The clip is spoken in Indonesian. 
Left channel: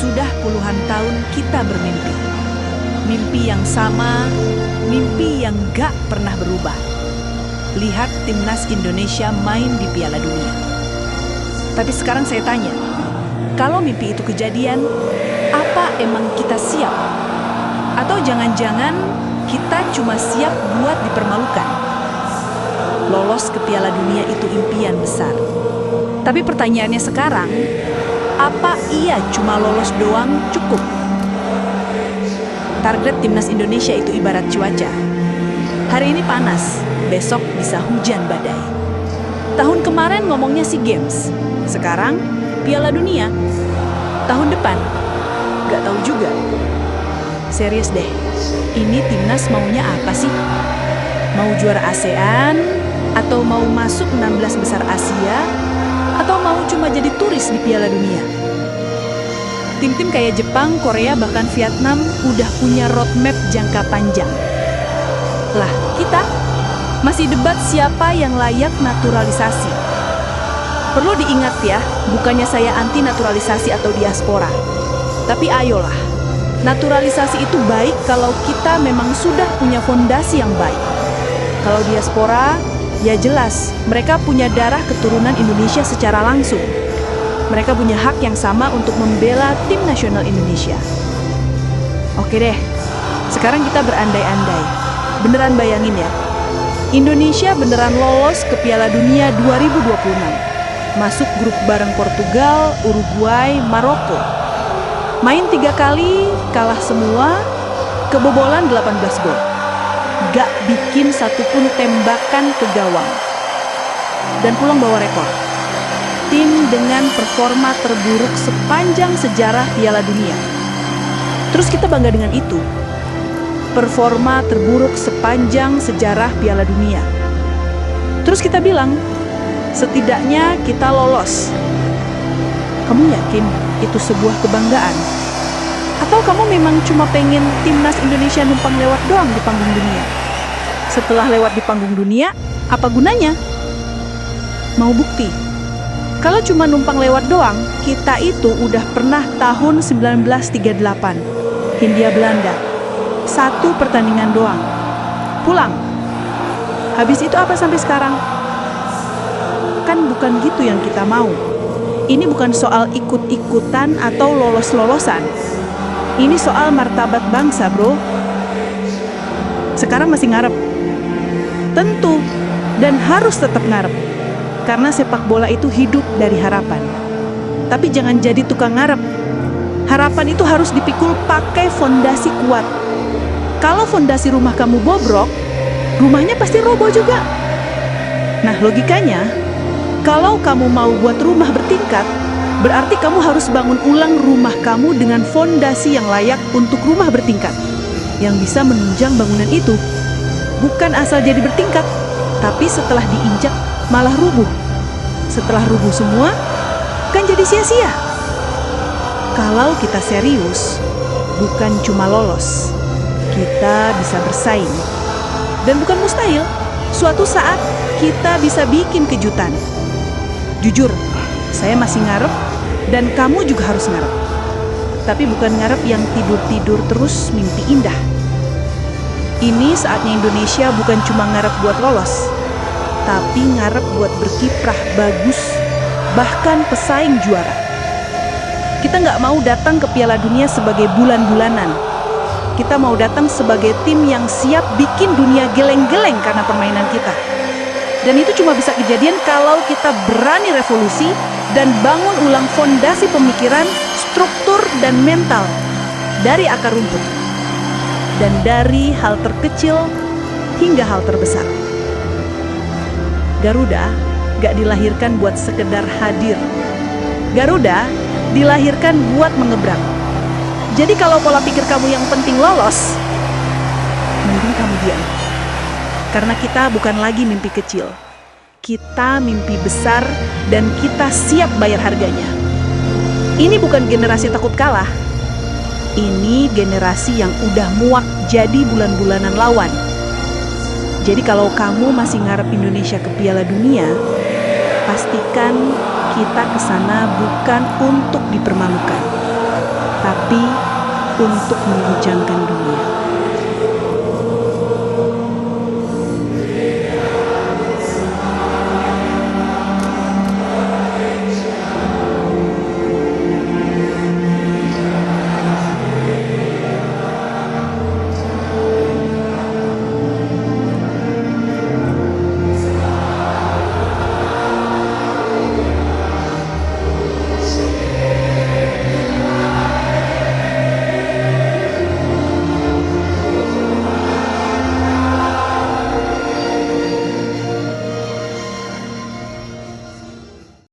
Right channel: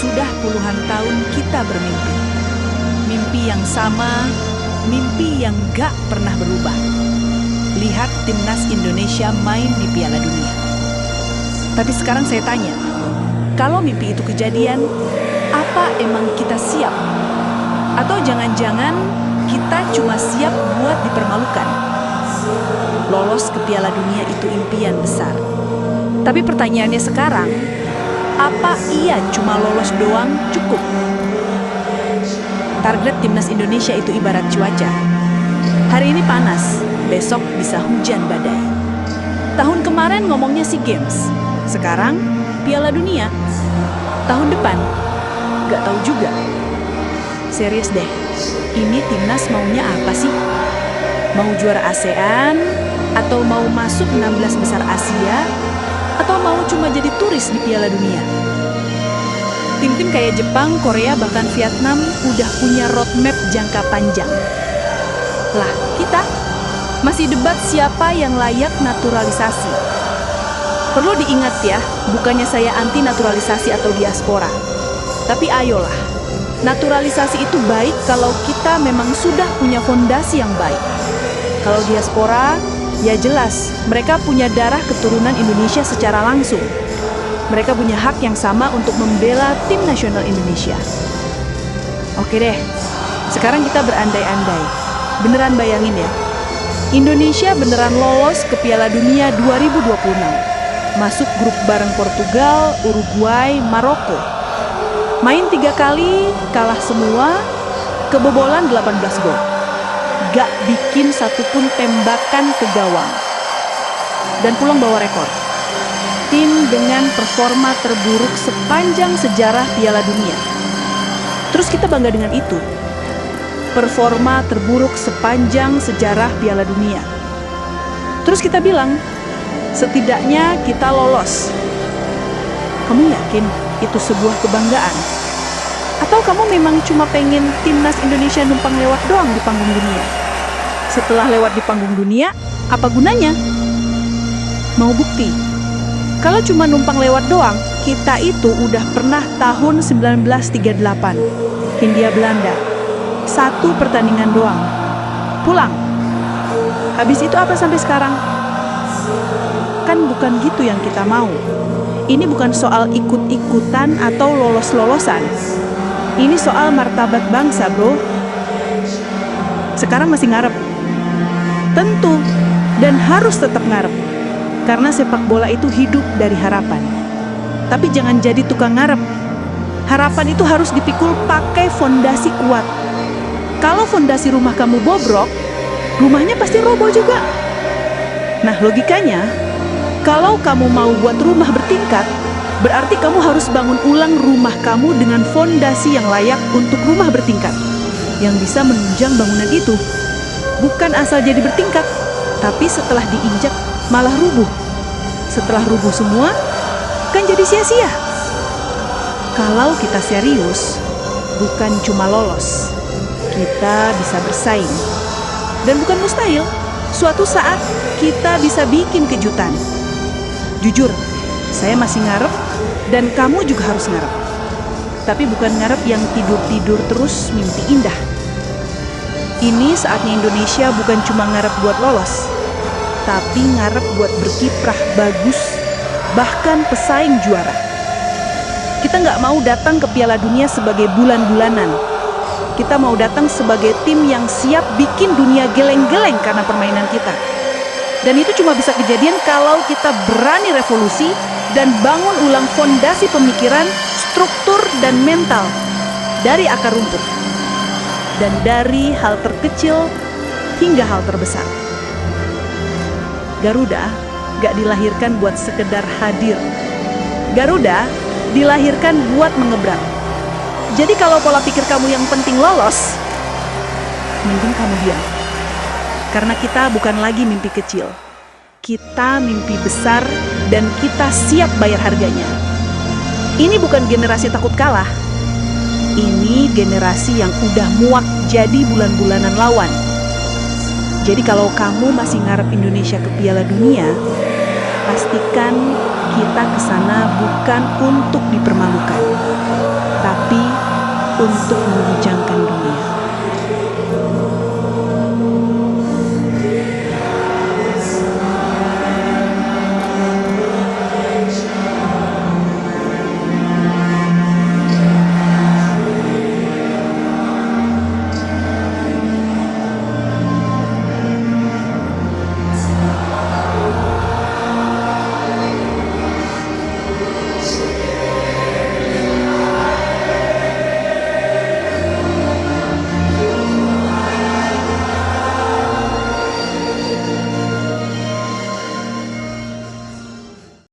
Sudah puluhan tahun kita bermimpi. Mimpi yang sama, mimpi yang gak pernah berubah. Lihat timnas Indonesia main di Piala Dunia. Tapi sekarang saya tanya, kalau mimpi itu kejadian, apa emang kita siap? Atau jangan-jangan kita cuma siap buat dipermalukan? Lolos ke Piala Dunia itu impian besar. Tapi pertanyaannya sekarang, apa iya cuma lolos doang cukup? Target timnas Indonesia itu ibarat cuaca. Hari ini panas, besok bisa hujan badai. Tahun kemarin ngomongnya SEA Games, sekarang Piala Dunia. Tahun depan, gak tahu juga. Serius deh, ini timnas maunya apa sih? Mau juara ASEAN? Atau mau masuk 16 besar Asia? Atau mau cuma jadi turis di Piala Dunia? Tim-tim kayak Jepang, Korea, bahkan Vietnam udah punya roadmap jangka panjang. Lah, kita masih debat siapa yang layak naturalisasi. Perlu diingat ya, bukannya saya anti naturalisasi atau diaspora. Tapi ayolah, naturalisasi itu baik kalau kita memang sudah punya fondasi yang baik. Kalau diaspora, ya jelas, mereka punya darah keturunan Indonesia secara langsung. Mereka punya hak yang sama untuk membela tim nasional Indonesia. Oke deh, sekarang kita berandai-andai. Beneran bayangin ya, Indonesia beneran lolos ke Piala Dunia 2026. Masuk grup bareng Portugal, Uruguay, Maroko. Main 3 kali, kalah semua, kebobolan 18 gol. Gak bikin satupun tembakan ke gawang. Dan pulang bawa rekor. Tim dengan performa terburuk sepanjang sejarah Piala Dunia. Terus kita bangga dengan itu. Performa terburuk sepanjang sejarah Piala Dunia. Terus kita bilang, setidaknya kita lolos. Kamu yakin itu sebuah kebanggaan? Atau kamu memang cuma pengen timnas Indonesia numpang lewat doang di panggung dunia? Setelah lewat di panggung dunia, apa gunanya? Mau bukti? Kalau cuma numpang lewat doang, kita itu udah pernah tahun 1938, Hindia Belanda. 1 pertandingan doang. Pulang. Habis itu apa sampai sekarang? Kan bukan gitu yang kita mau. Ini bukan soal ikut-ikutan atau lolos-lolosan. Ini soal martabat bangsa, bro. Sekarang masih ngarep? Tentu, dan harus tetap ngarep. Karena sepak bola itu hidup dari harapan. Tapi jangan jadi tukang ngarep. Harapan itu harus dipikul pakai fondasi kuat. Kalau fondasi rumah kamu bobrok, rumahnya pasti roboh juga. Nah, logikanya, kalau kamu mau buat rumah bertingkat, berarti kamu harus bangun ulang rumah kamu dengan fondasi yang layak untuk rumah bertingkat, yang bisa menunjang bangunan itu. Bukan asal jadi bertingkat, tapi setelah diinjak malah rubuh. Setelah rubuh semua, kan jadi sia-sia. Kalau kita serius, bukan cuma lolos, kita bisa bersaing. Dan bukan mustahil, suatu saat kita bisa bikin kejutan. Jujur, saya masih ngarep, dan kamu juga harus ngarep. Tapi bukan ngarep yang tidur-tidur terus mimpi indah. Ini saatnya Indonesia bukan cuma ngarep buat lolos, tapi ngarep buat berkiprah bagus, bahkan pesaing juara. Kita nggak mau datang ke Piala Dunia sebagai bulan-bulanan. Kita mau datang sebagai tim yang siap bikin dunia geleng-geleng karena permainan kita. Dan itu cuma bisa kejadian kalau kita berani revolusi dan bangun ulang fondasi pemikiran, struktur, dan mental dari akar rumput. Dan dari hal terkecil hingga hal terbesar. Garuda gak dilahirkan buat sekedar hadir. Garuda dilahirkan buat mengebrak. Jadi kalau pola pikir kamu yang penting lolos, mending kamu diam. Karena kita bukan lagi mimpi kecil. Kita mimpi besar dan kita siap bayar harganya. Ini bukan generasi takut kalah. Ini generasi yang udah muak jadi bulan-bulanan lawan. Jadi kalau kamu masih ngarep Indonesia ke Piala Dunia, pastikan kita kesana bukan untuk dipermalukan. tapi untuk menghujamkan dunia.